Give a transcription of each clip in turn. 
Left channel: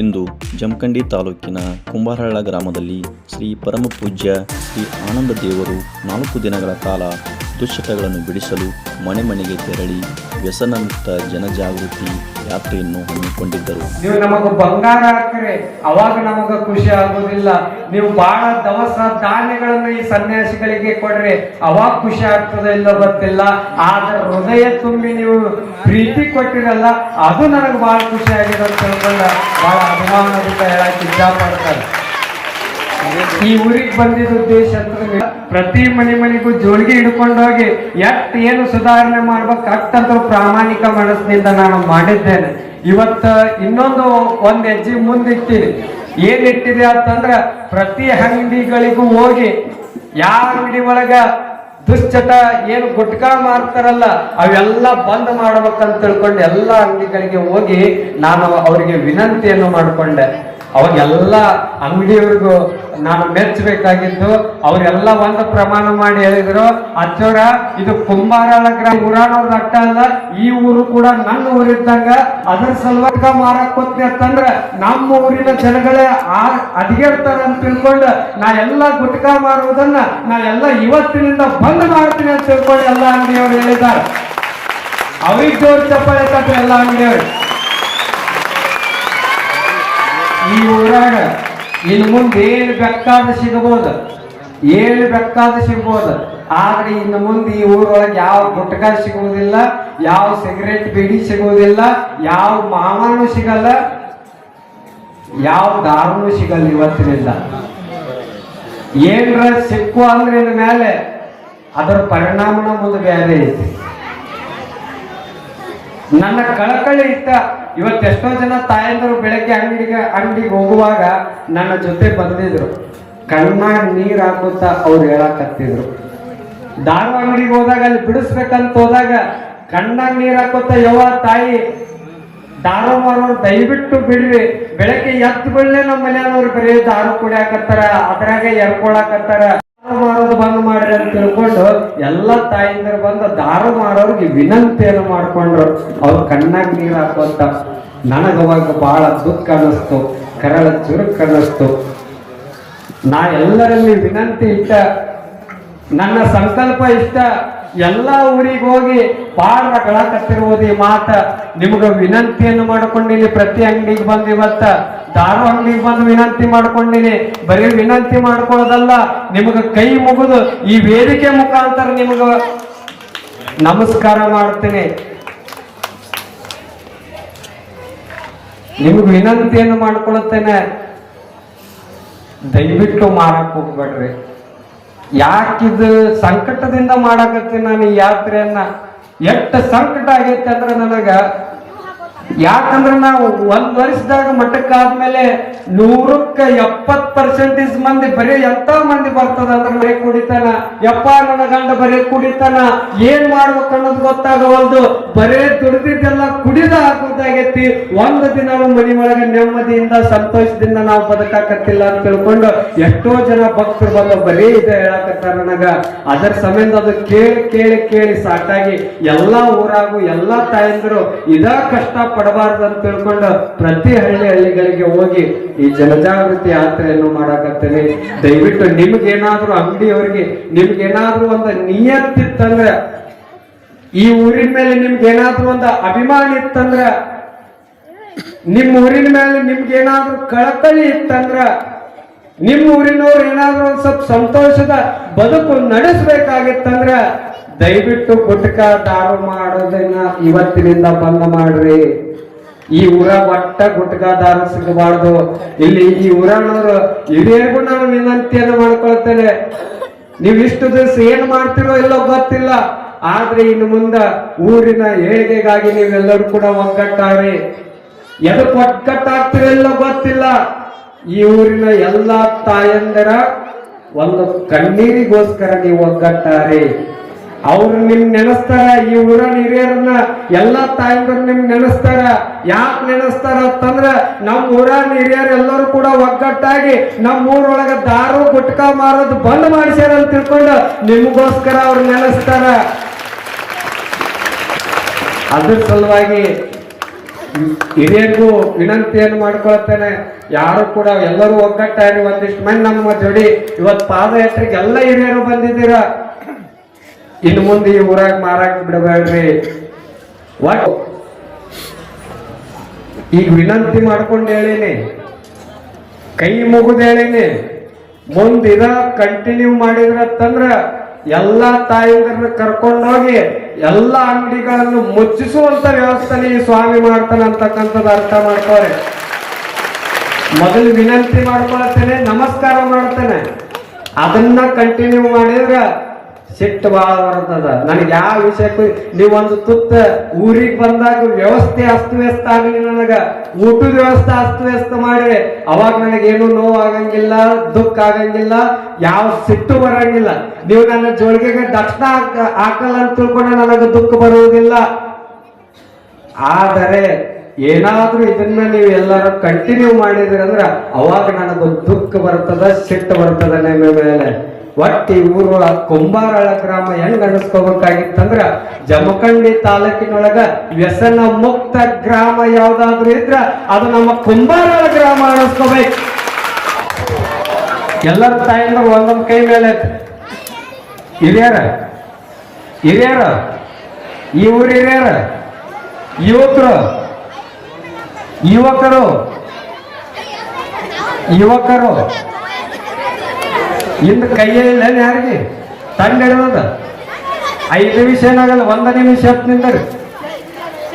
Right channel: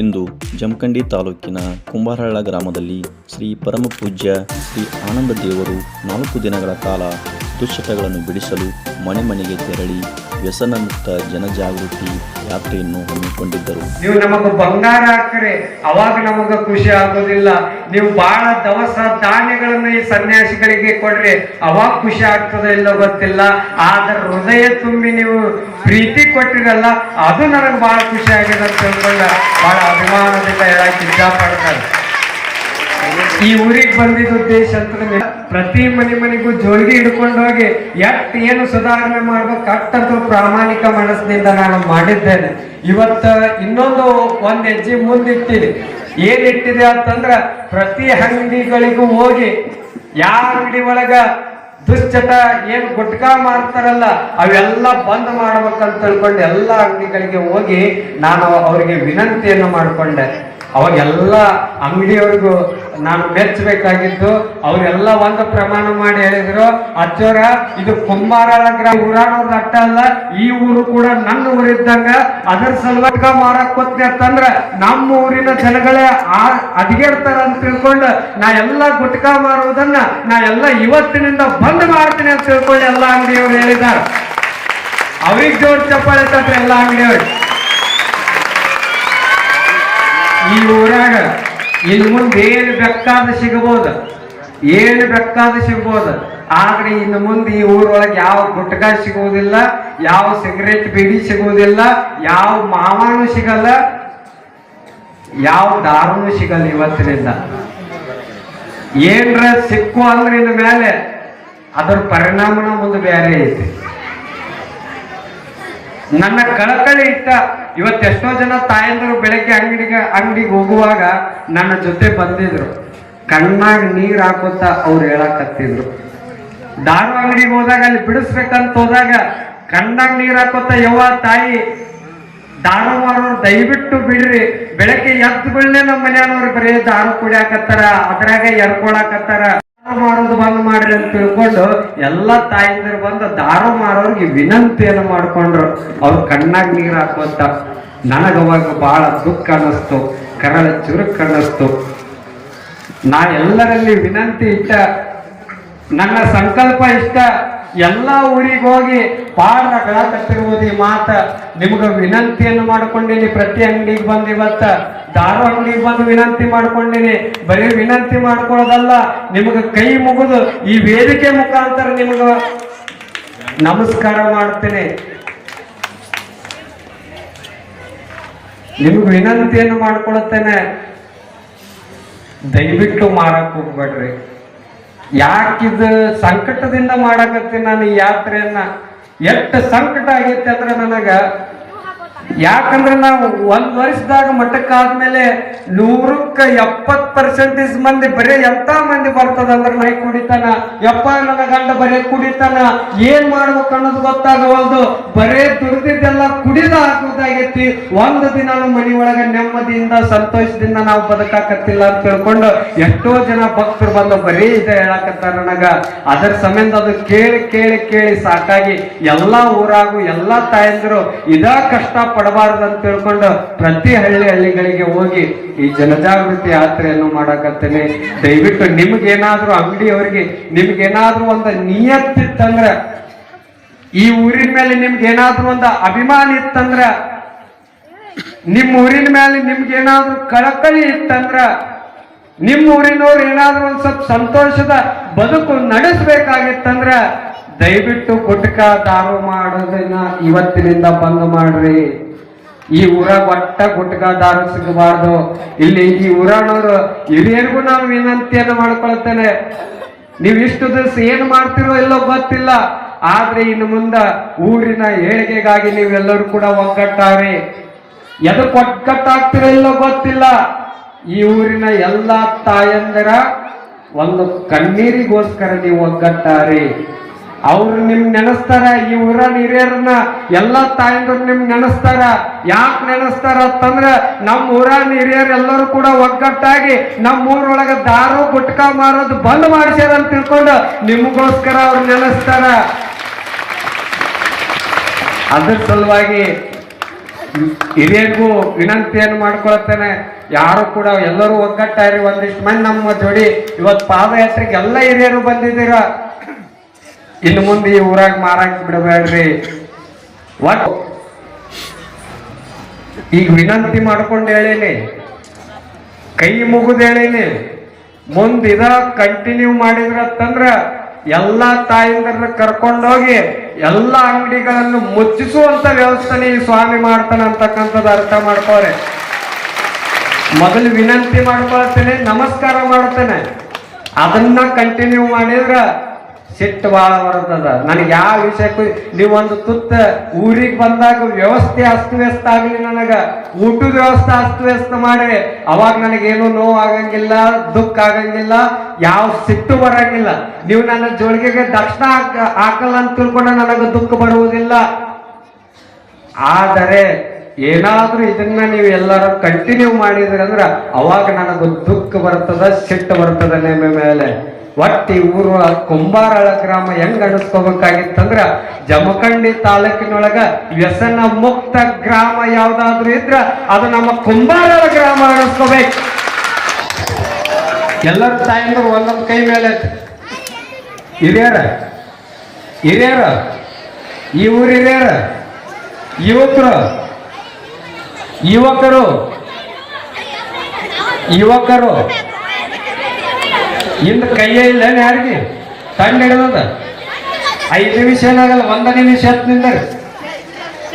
ಇಂದು ಜಮಖಂಡಿ ತಾಲೂಕಿನ ಕುಂಬಾರಹಳ್ಳ ಗ್ರಾಮದಲ್ಲಿ ಶ್ರೀ ಪರಮಪೂಜ್ಯ ಶ್ರೀ ಆನಂದ ದೇವರು 4 ದಿನಗಳ ಕಾಲ ದುಶ್ಚಟಗಳನ್ನು ಬಿಡಿಸಲು ಮನೆ ಮನೆಗೆ ತೆರಳಿ ವ್ಯಸನ ಮುಕ್ತ ಜನಜಾಗೃತಿ ಯಾತ್ರೆಯನ್ನು ಹಮ್ಮಿಕೊಂಡಿದ್ದರು. ನೀವು ನಮಗ ಬಂಗಾರ ಹಾಕ್ರೆ ಅವಾಗ ನಮಗ ಖುಷಿ ಆಗೋದಿಲ್ಲ. ನೀವು ಬಹಳ ದವಸ ಧಾನ್ಯಗಳನ್ನ ಈ ಸನ್ಯಾಸಿಗಳಿಗೆ ಕೊಡ್ರಿ ಅವಾಗ ಖುಷಿ ಆಗ್ತದೆ ಇಲ್ಲೋ ಗೊತ್ತಿಲ್ಲ. ಆದ್ರೆ ಹೃದಯ ತುಂಬಿ ನೀವು ಪ್ರೀತಿ ಕೊಟ್ಟಿರಲ್ಲ ಅದು ನನಗೆ ಬಹಳ ಖುಷಿ ಆಗಿದೆ ಅಂತ ಹೇಳ್ಕೊಂಡ ಬಹಳ ಅಭಿಮಾನದಿಂದ ಹೇಳಕ್ ಇಷ್ಟಪಡ್ತಾರೆ. ಈ ಊರಿಗೆ ಬಂದಿದ್ದ ಉದ್ದೇಶ ಅಂತ ಪ್ರತಿ ಮನೆಗೂ ಜೋಳಿಗೆ ಹಿಡ್ಕೊಂಡು ಹೋಗಿ ಏನು ಸುಧಾರಣೆ ಮಾಡ್ಬೇಕು ಅಟ್ಟಂತ ಪ್ರಾಮಾಣಿಕ ಮನಸ್ಸಿನಿಂದ ನಾನು ಮಾಡಿದ್ದೇನೆ. ಇವತ್ತ ಇನ್ನೊಂದು ಒಂದ್ ಹೆಜ್ಜೆ ಮುಂದಿಟ್ಟಿ ಏನಿಟ್ಟಿದೆ ಅಂತಂದ್ರ ಪ್ರತಿ ಅಂಗಡಿಗಳಿಗೂ ಹೋಗಿ ಯಾವ ಅಂಗಡಿ ಒಳಗ ದುಶ್ಚಟ ಏನು ಗುಟ್ಕಾ ಮಾಡ್ತಾರಲ್ಲ ಅವೆಲ್ಲ ಬಂದ್ ಮಾಡ್ಬೇಕಂತ ತಿಳ್ಕೊಂಡು ಎಲ್ಲ ಅಂಗಡಿಗಳಿಗೆ ಹೋಗಿ ನಾನು ಅವರಿಗೆ ವಿನಂತಿಯನ್ನು ಮಾಡಿಕೊಂಡೆ. ಅವಾಗೆಲ್ಲ ಅಂಗಡಿಯವ್ರಿಗೂ ನಾನು ಮೆಚ್ಚಬೇಕಾಗಿದ್ದು ಅವರೆಲ್ಲ ಒಂದು ಪ್ರಮಾಣ ಮಾಡಿ ಹೇಳಿದ್ರು, ಅಚ್ಚೋರ ಇದು ಕುಂಬಾರಹಳ್ಳ ಗ್ರಾಮ ಊರಾನವ್ರದ್ದು ಅಟ್ಟ ಅಲ್ಲ, ಈ ಊರು ಕೂಡ ನನ್ನ ಊರಿದ್ದಂಗ. ಅದ್ರ ಸಲುವಾಗಿ ಮಾರಕ್ ಹೋಗ್ತೀನಿ ಅಂತಂದ್ರ ನಮ್ಮ ಊರಿನ ಜನಗಳೇ ಅದಿಗೆಡ್ತಾರ ಅಂತ ತಿಳ್ಕೊಂಡು ನಾ ಎಲ್ಲ ಗುಟ್ಕಾ ಮಾರುವುದನ್ನ ನಾ ಎಲ್ಲ ಇವತ್ತಿನಿಂದ ಬಂದ್ ಮಾಡ್ತೀನಿ ಅಂತ ತಿಳ್ಕೊಂಡು ಎಲ್ಲ ಅಂಗಡಿಯವ್ರು ಹೇಳಿದಾರ. ಅವ್ರಿಗೆ ಜೋರ್ ಚಪ್ಪಾಳೆ ತಟ್ರಿ ಎಲ್ಲ ಅಂಗಡಿಯವ್ರು. ಈ ಊರಾಗ ಇನ್ನು ಮುಂದೆ ಏನು ಬೇಕಾದ ಸಿಗಬಹುದು, ಆದ್ರೆ ಇನ್ನು ಮುಂದೆ ಈ ಊರೊಳಗೆ ಯಾವ ಗುಟ್ಕಾ ಸಿಗುವುದಿಲ್ಲ, ಯಾವ ಸಿಗರೇಟ್ ಬೀಡಿ ಸಿಗುವುದಿಲ್ಲ, ಯಾವ ಮಾವಾನು ಸಿಗಲ್ಲ, ಯಾವ ದಾರುನು ಸಿಗಲ್ಲ. ಇವತ್ತಿನಿಂದ ಏನ್ರ ಸಿಕ್ಕು ಅಂದ್ರೆ ಇನ್ನು ಮೇಲೆ ಅದರ ಪರಿಣಾಮನ ಮುಂದೆ ಬೇರೆ ಐತಿ. ನನ್ನ ಕಳಕಳಿ ಇಷ್ಟ. ಇವತ್ತೆಷ್ಟೋ ಜನ ತಾಯಂದರು ಬೆಳಗ್ಗೆ ಅಂಗಡಿಗೆ ಹೋಗುವಾಗ ನನ್ನ ಜೊತೆ ಬಂದಿದ್ರು, ಕಣ್ಣಾಗ ನೀರ್ ಹಾಕುತ್ತಾ ಅವ್ರು ಹೇಳಕತ್ತಿದ್ರು. ದಾರು ಅಂಗಡಿಗೆ ಹೋದಾಗ ಅಲ್ಲಿ ಬಿಡಿಸ್ಬೇಕಂತ ಹೋದಾಗ ಕಣ್ಣಾಗ ನೀರ್ ಹಾಕುತ್ತಾ ಯವ್ವ ತಾಯಿ ದಾರು ಮಾರೋರು ದಯವಿಟ್ಟು ಬಿಡ್ರಿ, ಬೆಳಗ್ಗೆ ಎದ್ದುಗಳನ್ನೇ ನಮ್ಮ ಮನೆಯವ್ರು ಬರೀ ದಾರು ಕುಡಿಯಾಕತ್ತಾರ, ಅದ್ರಾಗ ಎರ್ಕೊಳಕತ್ತಾರ, ಮಾರೋದು ಬಂದ್ ಮಾಡ್ರಿ ಅಂತ ತಿಳ್ಕೊಂಡು ಎಲ್ಲ ತಾಯಿಂದರು ಬಂದು ದಾರು ಮಾರೋರ್ಗೆ ವಿನಂತಿಯನ್ನು ಮಾಡ್ಕೊಂಡ್ರು. ಅವ್ರು ಕಣ್ಣಾಗ ನೀರು ಹಾಕೋತ ನನಗವಾಗ ಬಹಳ ದುಃಖ ಅನ್ನಿಸ್ತು, ಕರಳ ಚುರುಕ್ ಅನ್ನಿಸ್ತು. ನಾ ಎಲ್ಲರಲ್ಲಿ ವಿನಂತಿ ಇಷ್ಟ, ನನ್ನ ಸಂಕಲ್ಪ ಇಷ್ಟ, ಎಲ್ಲ ಊರಿಗೆ ಹೋಗಿ ಪಾಠ ಬೆಳಕತ್ತಿರುವುದು ಈ ಮಾತ ನಿಮ್ಗ ವಿನಂತಿಯನ್ನು ಮಾಡ್ಕೊಂಡಿನಿ. ಪ್ರತಿ ಅಂಗಡಿಗೆ ಬಂದು ಇವತ್ತ ದಾರು ಅಂಗಡಿಗೆ ಬಂದು ವಿನಂತಿ ಮಾಡ್ಕೊಂಡಿನಿ. ಬರೀ ವಿನಂತಿ ಮಾಡ್ಕೊಳ್ಳೋದಲ್ಲ, ನಿಮಗ ಕೈ ಮುಗಿದು ಈ ವೇದಿಕೆ ಮುಖಾಂತರ ನಿಮಗ ನಮಸ್ಕಾರ ಮಾಡ್ತೇನೆ. ನಿಮಗ ವಿನಂತಿಯನ್ನು ಮಾಡ್ಕೊಳುತ್ತೇನೆ, ದಯವಿಟ್ಟು ಮಾರಕ್ ಹೋಗ್ಬೇಡ್ರಿ. ಯಾಕಿದು ಸಂಕಟದಿಂದ ಮಾಡಕತ್ತೀನಿ ನಾನು ಈ ಯಾತ್ರೆಯನ್ನ. ಎಷ್ಟು ಸಂಕಟ ಆಗೈತೆ ಅಂದ್ರೆ ನನಗ, ಯಾಕಂದ್ರೆ ನಾವು 1 ವರ್ಷದಾಗ ಮಠಕ್ಕಾದ್ಮೇಲೆ 170% ಮಂದಿ ಬರೀ ಎಂತ ಮಂದಿ ಬರ್ತದಂದ್ರೆ ಬರೀ ಕುಡಿತಾನ, ಯಪ್ಪ ನನ್ನ ಗಂಡ ಬರೀ ಕುಡಿತಾನ, ಏನ್ ಮಾಡ್ಬೇಕು ಅನ್ನೋದು ಗೊತ್ತಾಗವಲ್ದು, ಬರೇ ದುಡ್ದಿದ್ದೆಲ್ಲ ಕುಡಿದ ಹಾಕೋದಾಗೈತಿ. ಒಂದು ದಿನ ಮನಿ ಒಳಗೆ ನೆಮ್ಮದಿಯಿಂದ ಸಂತೋಷದಿಂದ ನಾವು ಬದುಕಾಕತ್ತಿಲ್ಲ ಅಂತ ತಿಳ್ಕೊಂಡು ಎಷ್ಟೋ ಜನ ಭಕ್ತರು ಬಂದು ಬರೀ ಇದೆ ಹೇಳಕತ್ತಾರ ನನಗ. ಅದರ ಸಂಬಂಧ ಅದು ಕೇಳಿ ಕೇಳಿ ಕೇಳಿ ಸಾಕಾಗಿ ಎಲ್ಲಾ ಊರಾಗು ಎಲ್ಲಾ ತಾಯಂದಿರು ಇದ ಕಷ್ಟ ಪಡಬಾರ್ದು ಅಂತ ತಿಳ್ಕೊಂಡು ಪ್ರತಿ ಹಳ್ಳಿಗಳಿಗೆ ಹೋಗಿ ಈ ಜನಜಾಗೃತಿ ಯಾತ್ರೆಯನ್ನು ಮಾಡಕತ್ತೀನಿ. ದಯವಿಟ್ಟು ನಿಮ್ಗೇನಾದ್ರೂ ಅಂಗಡಿಯವರಿಗೆ ನಿಮ್ಗೇನಾದ್ರೂ ಒಂದು ನಿಯತ್ತಿತ್ತಂದ್ರ, ಈ ಊರಿನ ಮೇಲೆ ನಿಮ್ಗೇನಾದ್ರೂ ಒಂದು ಅಭಿಮಾನ ಇತ್ತಂದ್ರ, ನಿಮ್ಮ ಊರಿನ ಮೇಲೆ ನಿಮ್ಗೇನಾದ್ರೂ ಕಳಕಳಿ ಇತ್ತಂದ್ರ, ನಿಮ್ಮ ಊರಿನವ್ರು ಏನಾದ್ರೂ ಒಂದ್ ಸ್ವಲ್ಪ ಸಂತೋಷದ ಬದುಕು ನಡೆಸಬೇಕಾಗಿತ್ತಂದ್ರ ದಯವಿಟ್ಟು ಗುಟ್ಕಾ ದಾರು ಮಾಡೋದನ್ನ ಇವತ್ತಿನಿಂದ ಬಂದ್ ಮಾಡ್ರಿ. ಈ ಊರಾಗ ಒಟ್ಟ ಗುಟ್ಕಾ ದಾರು ಸಿಗಬಾರ್ದು. ಇಲ್ಲಿ ಈ ಊರಾನವ್ರು ಹಿರಿಯರಿಗೂ ನಾನು ವಿನಂತಿಯನ್ನು ಮಾಡ್ಕೊಳ್ತೇನೆ, ನೀವು ಇಷ್ಟು ದಿವಸ ಏನ್ ಮಾಡ್ತಿರೋ ಇಲ್ಲೋ ಗೊತ್ತಿಲ್ಲ, ಆದ್ರೆ ಇನ್ನು ಮುಂದ ಊರಿನ ಏಳಿಗೆಗಾಗಿ ನೀವೆಲ್ಲರೂ ಕೂಡ ಒಗ್ಗಟ್ಟಾರಿ. ಎದಕ್ಕೆ ಒಗ್ಗಟ್ಟಾಗ್ತಿರೋ ಇಲ್ಲೋ ಗೊತ್ತಿಲ್ಲ, ಈ ಊರಿನ ಎಲ್ಲಾ ತಾಯಂದರ ಒಂದು ಕಣ್ಣೀರಿಗೋಸ್ಕರ ನೀವು ಒಗ್ಗಟ್ಟಾರಿ. ಅವ್ರು ನಿಮ್ ನೆನೆಸ್ತಾರ, ಈ ಊರನ್ನ ಹಿರಿಯರನ್ನ ಎಲ್ಲಾ ತಾಯಂದ್ರು ನಿಮ್ ನೆನೆಸ್ತಾರ. ಯಾಕೆ ನೆನೆಸ್ತಾರ ಅಂತಂದ್ರ ನಮ್ಮ ಊರನ್ನ ಹಿರಿಯರು ಎಲ್ಲರೂ ಕೂಡ ಒಗ್ಗಟ್ಟಾಗಿ ನಮ್ಮ ಊರೊಳಗ ದಾರು ಗುಟ್ಕಾ ಮಾರೋದು ಬಂದ್ ಮಾಡಿಸ್ಯಾರ ಅಂತ ತಿಳ್ಕೊಂಡು ನಿಮಗೋಸ್ಕರ ಅವ್ರು ನೆನೆಸ್ತಾರ. ಅದ್ರ ಸಲುವಾಗಿ ಹಿರಿಯರಿಗೂ ವಿನಂತಿಯನ್ನು ಮಾಡ್ಕೊಳ್ತೇನೆ. ಯಾರು ಕೂಡ ಎಲ್ಲರೂ ಒಗ್ಗಟ್ಟಾರಿ ಒಂದಿಷ್ಟು ಮಂದಿ ನಮ್ಮ ಜೋಡಿ ಇವತ್ತು ಪಾದಯಾತ್ರೆಗೆ ಎಲ್ಲ ಹಿರಿಯರು ಬಂದಿದ್ದೀರ. ಇನ್ನು ಮುಂದೆ ಈ ಊರಾಗ ಮಾರಾಕ್ ಬಿಡಬೇಡ್ರಿ. ಈಗ ವಿನಂತಿ ಮಾಡ್ಕೊಂಡು ಹೇಳಿನಿ, ಕೈ ಮುಗಿದು ಹೇಳಿನಿ, ಮುಂದೆ ಇದ ಕಂಟಿನ್ಯೂ ಮಾಡಿದ್ರಂದ್ರ ಎಲ್ಲಾ ತಾಯಿಂದರನ್ನ ಕರ್ಕೊಂಡೋಗಿ ಎಲ್ಲಾ ಅಂಗಡಿಗಳನ್ನು ಮುಚ್ಚಿಸುವಂತ ವ್ಯವಸ್ಥೆ ಈ ಸ್ವಾಮಿ ಮಾಡ್ತಾನೆ ಅಂತಕ್ಕಂಥದ್ದು ಅರ್ಥ ಮಾಡ್ತಾರೆ. ಮೊದಲು ವಿನಂತಿ ಮಾಡ್ಕೊಳ್ತೇನೆ, ನಮಸ್ಕಾರ ಮಾಡ್ತೇನೆ. ಅದನ್ನ ಕಂಟಿನ್ಯೂ ಮಾಡಿದ್ರ ಸಿಟ್ಟು ಬಹಳ ಬರ್ತದ. ನನಗೆ ಯಾವ ವಿಷಯಕ್ಕೂ ನೀವೊಂದು ತುತ್ತ ಊರಿಗೆ ಬಂದಾಗ ವ್ಯವಸ್ಥೆ ಅಸ್ತವ್ಯಸ್ತ ಆಗಲಿ, ನನಗ ಊಟದ ವ್ಯವಸ್ಥೆ ಅಸ್ತವ್ಯಸ್ತ ಮಾಡ್ರಿ, ಅವಾಗ ನನಗೇನು ನೋವು ಆಗಂಗಿಲ್ಲ, ದುಃಖ ಆಗಂಗಿಲ್ಲ, ಯಾವ ಸಿಟ್ಟು ಬರಂಗಿಲ್ಲ. ನೀವು ನನ್ನ ಜೋಳಿಗೆಗೆ ದಕ್ಷಿಣ ಹಾಕಲ್ಲ ಅಂತ ತಿಳ್ಕೊಂಡ ನನಗೆ ದುಃಖ ಬರುವುದಿಲ್ಲ. ಆದರೆ ಏನಾದ್ರೂ ಇದನ್ನ ನೀವು ಎಲ್ಲರೂ ಕಂಟಿನ್ಯೂ ಮಾಡಿದ್ರಿ ಅಂದ್ರ ಅವಾಗ ನನಗೆ ದುಃಖ ಬರ್ತದ, ಸಿಟ್ಟು ಬರ್ತದ ನಿಮ್ಮ ಮೇಲೆ. ಒಟ್ಟಿ ಊರು ಕುಂಬಾರಳ ಗ್ರಾಮ ಹೆಂಗ್ ಅನಿಸ್ಕೋಬೇಕಾಗಿತ್ತಂದ್ರ ಜಮಖಂಡಿ ತಾಲೂಕಿನೊಳಗ ವ್ಯಸನ ಮುಕ್ತ ಗ್ರಾಮ ಯಾವ್ದಾದ್ರು ಇದ್ರ ಅದು ನಮ್ಮ ಕುಂಬಾರಳ ಗ್ರಾಮ ಅನಿಸ್ಕೋಬೇಕು. ಎಲ್ಲರ ತಾಯಿನ ಒಂದೊಂದ್ ಕೈ ಮೇಲೆ ಹಿರಿಯರ ಹಿರಿಯರ ಈ ಊರು ಹಿರಿಯರ ಯುವಕರು ಯುವಕರು ಯುವಕರು ಇಂದ ಕೈಯೇ ಇಲ್ಲ ಯಾರಿಗೆ ತಂಡ ಹಿಡಿದ 5 ನಿಮಿಷ ಏನಾಗಲ್ಲ, 1 ನಿಮಿಷ ನಿಂದ್ರಿ,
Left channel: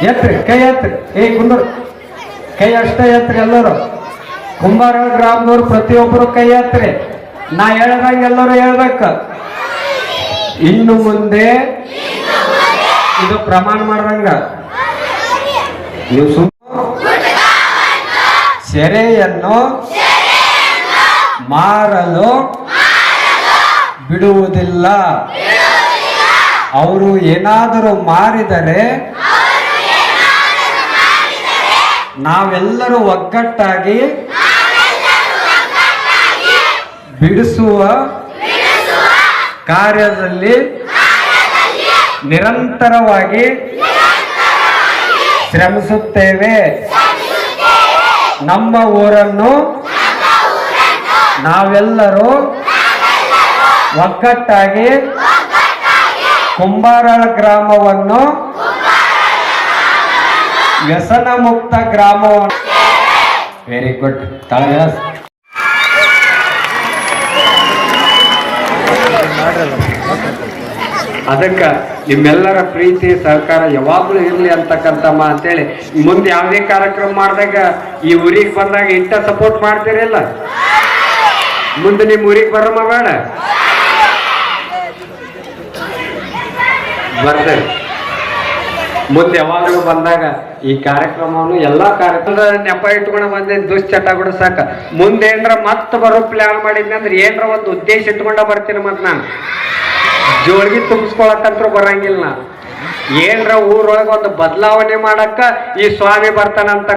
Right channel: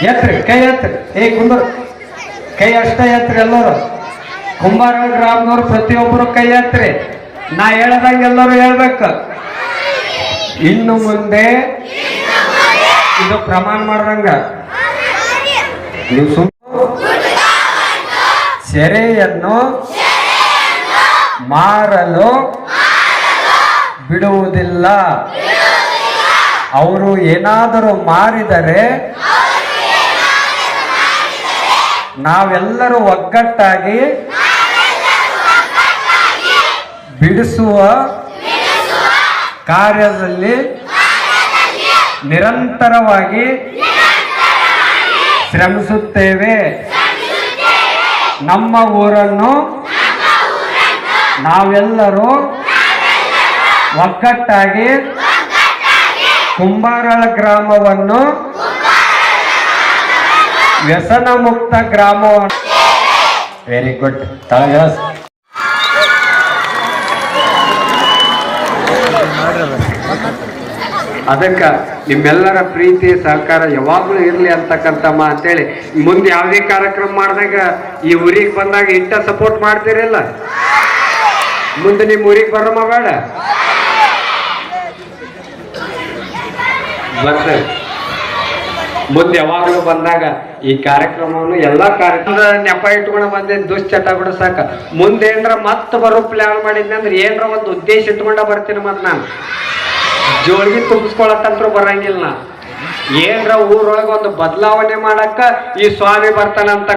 ಎತ್ರಿ ಕೈ ಎತ್ರಿ, ಕುಂದ್ರ ಕೈ ಅಷ್ಟ ಎತ್ರಿ. ಎಲ್ಲರೂ ಕುಂಬಾರ ಗ್ರಾಮದವ್ರು ಪ್ರತಿಯೊಬ್ಬರು ಕೈ ಎತ್ರಿ. ನಾ ಹೇಳ್ದಂಗೆ ಎಲ್ಲರೂ ಹೇಳ್ಬೇಕು. ಇನ್ನು ಮುಂದೆ ಇದು ಪ್ರಮಾಣ ಮಾಡ್ರಂಗ ನೀವು ಸೆರೆಯನ್ನು ಮಾರಲು ಬಿಡುವುದಿಲ್ಲ. ಅವರು ಏನಾದರೂ ಮಾರಿದರೆ ನಾವೆಲ್ಲರೂ ಒಗ್ಗಟ್ಟಾಗಿ ಬಿಡಿಸುವ ಕಾರ್ಯದಲ್ಲಿ ನಿರಂತರವಾಗಿ ಶ್ರಮಿಸುತ್ತೇವೆ. ನಮ್ಮ ಊರನ್ನು ನಾವೆಲ್ಲರೂ ಒಗ್ಗಟ್ಟಾಗಿ ಕುಂಬಾರಳ ಗ್ರಾಮವನ್ನು ವ್ಯಸನ ಮುಕ್ತ ಗ್ರಾಮವನ್ನು ವೆರಿ ಗುಡ್ ತಳಗ ಅದಕ್ಕ ನಿಮ್ಮೆಲ್ಲರ ಪ್ರೀತಿ ಸಹಕಾರ ಯಾವಾಗ್ಲೂ ಇರ್ಲಿ ಅಂತಕ್ಕಂಥ ಅಂತೇಳಿ ಮುಂದೆ ಯಾವುದೇ ಕಾರ್ಯಕ್ರಮ ಮಾಡಿದಾಗ ಈ ಊರಿಗೆ ಬಂದಾಗ ಇಂಥ ಸಪೋರ್ಟ್ ಮಾಡ್ತೀರಿಲ್ಲ, ಮುಂದೆ ನಿಮ್ ಊರಿಗೆ ಬರಮ್ಮ ಬೇಡ ಬರ್ತೇವೆ. ಮುಂದೆ ಯಾವಾಗಲೂ ಬಂದಾಗ ಈ ಕಾರ್ಯಕ್ರಮವನ್ನು ಎಲ್ಲಾ ಕಾರ್ಯಕ್ರಮದ ನೆಪ ಇಟ್ಕೊಂಡು ಬಂದೇನ್ ದುಶ್ಚಟ ಕೂಡ ಸಾಕ. ಮುಂದೆ ಏನ್ರ ಮತ್ತೆ ಬರೋ ಪ್ಲಾನ್ ಮಾಡಿದ್ನಿ ಅಂದ್ರೆ ಏನ್ರ ಒಂದು ಉದ್ದೇಶ ಇಟ್ಕೊಂಡ ಬರ್ತೀನಿ. ಮತ್ ನಾನು ಜೋಳಿಗೆ ತುಂಬಿಸ್ಕೊಳಕ್ಕಂತೂ ಬರಂಗಿಲ್ಲ. ಏನ್ರ ಊರೊಳಗೆ ಒಂದು ಬದಲಾವಣೆ ಮಾಡಕ್ಕ ಈ ಸ್ವಾಮಿ ಬರ್ತಾನಂತ